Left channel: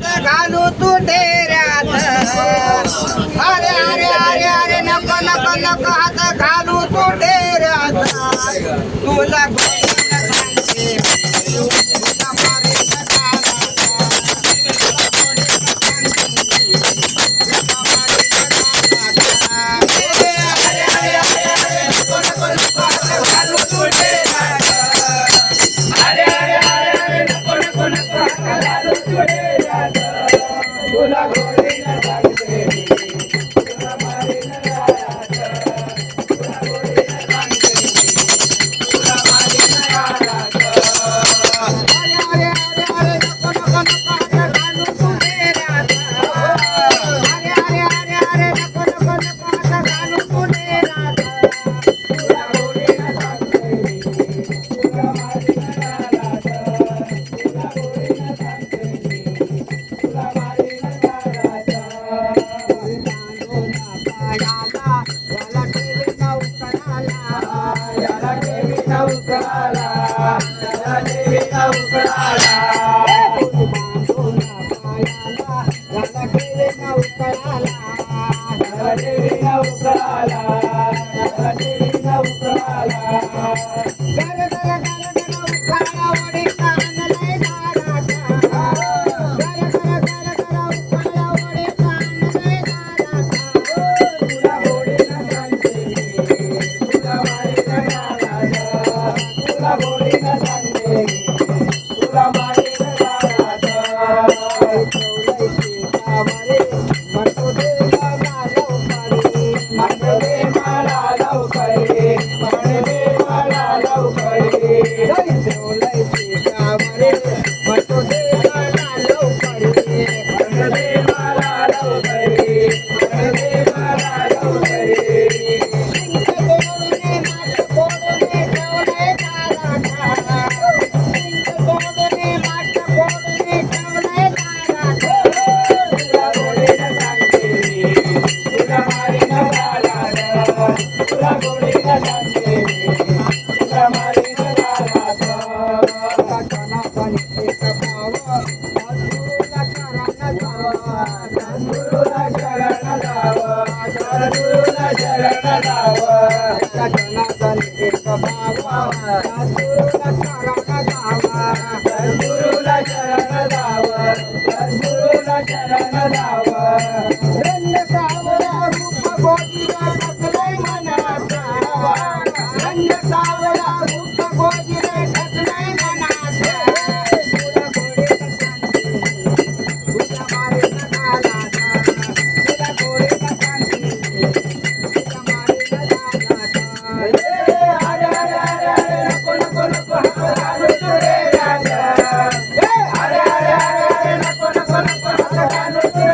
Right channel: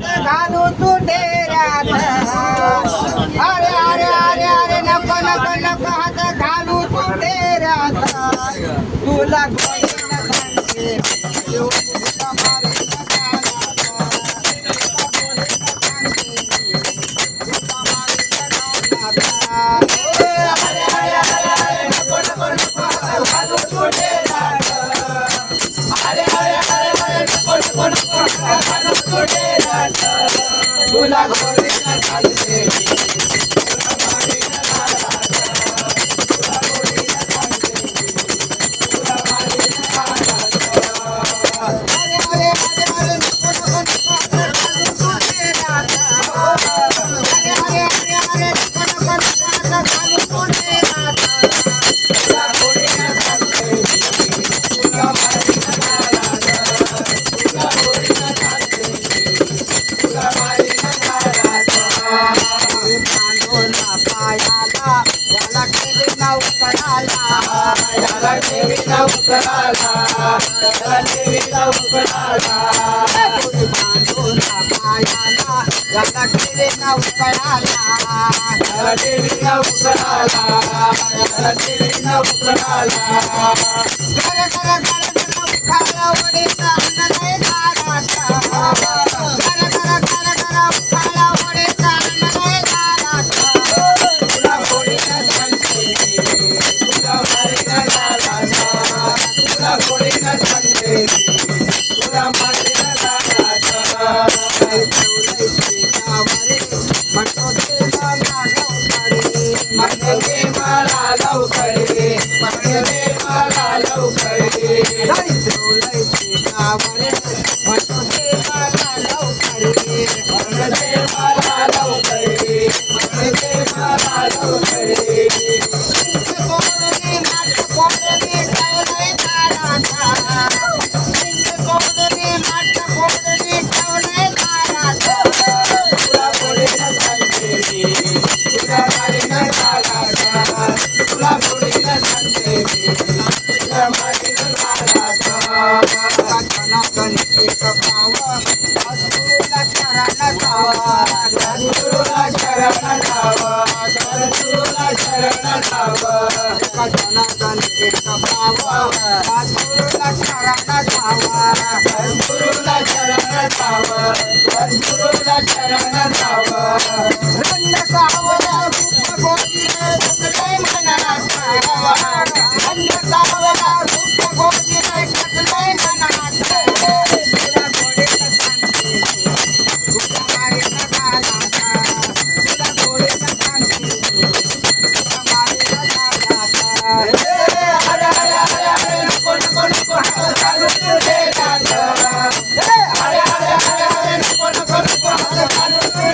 घालू तू डेऱ्यात अरे अरे अरे अरे नको नको नको हात घालू तू डेऱ्यात तुला गोडीनं सांगते तुला मारीन गालात. तुला गोडीनं सांगते तुला मारीन गालात. अरे अरे अरे अरे नको नको नको हात घालू तू डेऱ्यात अरे अरे अरे नको नको नको हात घालू तू डेऱ्यात तुला गोडीनं सांगते तुला मारीन गालात. तुला गोडीनं सांगते तुला मारीन गालात. अरे अरे अरे अरे नको नको नको हात घालू तू डेऱ्यात अरे अरे अरे अरे नको नको नको हात घालू तू डेऱ्यात तुला गोडीनं सांगते तुला मारीन गालात. तुला गोडीनं सांगते तुला मारीन गालात. बांधून पायाला याला ठेवी नवकराला याला ठेवी नवकराला याला ठेवी नवकराला बांधून पायाला याला ठेवी नवकराला याला ठेवी नवकराला याला ठेवी नवकराला. घर घर घर घर उखाला वडीचा आणलंय दारात घर घर घर घर उखाला वडीचा आणलंय दारात तुला गोडीनं सांगते तुला मारीन गालात. तुला गोडीनं सांगते तुला मारीन गालात. ठेवलंय शेतावरे म्हणतो दे मला लवकरे म्हणतो दे मला लवकरे म्हणतो दे मला लवकरे. ठेवलंय शेतावरे म्हणतो दे मला लवकरे म्हणतो दे मला लवकरे म्हणतो दे मला लवकरे. शिंक गोडने माठ गोडने ठेवलंय दारात शिंक गोडने माठ गोडने ठेवलंय दारात तुला गोडीनं सांगते तुला मारीन गालात. तुला गोडीनं सांगते तुला मारीन गालात. जनार्दन एक भावा सद्गुरूला शरण जावा सद्गुरूला शरण जावा सद्गुरूला शरण जावा. जनार्दन एक भावा सद्गुरूला शरण जावा सद्गुरूला शरण जावा सद्गुरूला शरण जावा. रंग सावला रूप गोडीनं टचलंय मनात रंग सावला रूप गोडीनं टचलंय मनात तुला गोडीनं सांगते तुला मारीन गालात. तुला गोडीनं सांगते तुला मारीन गालात. अरे अरे अरे अरे नको नको नको हात घालू तू डेऱ्यात अरे अरे अरे अरे नको नको नको हात घालू तू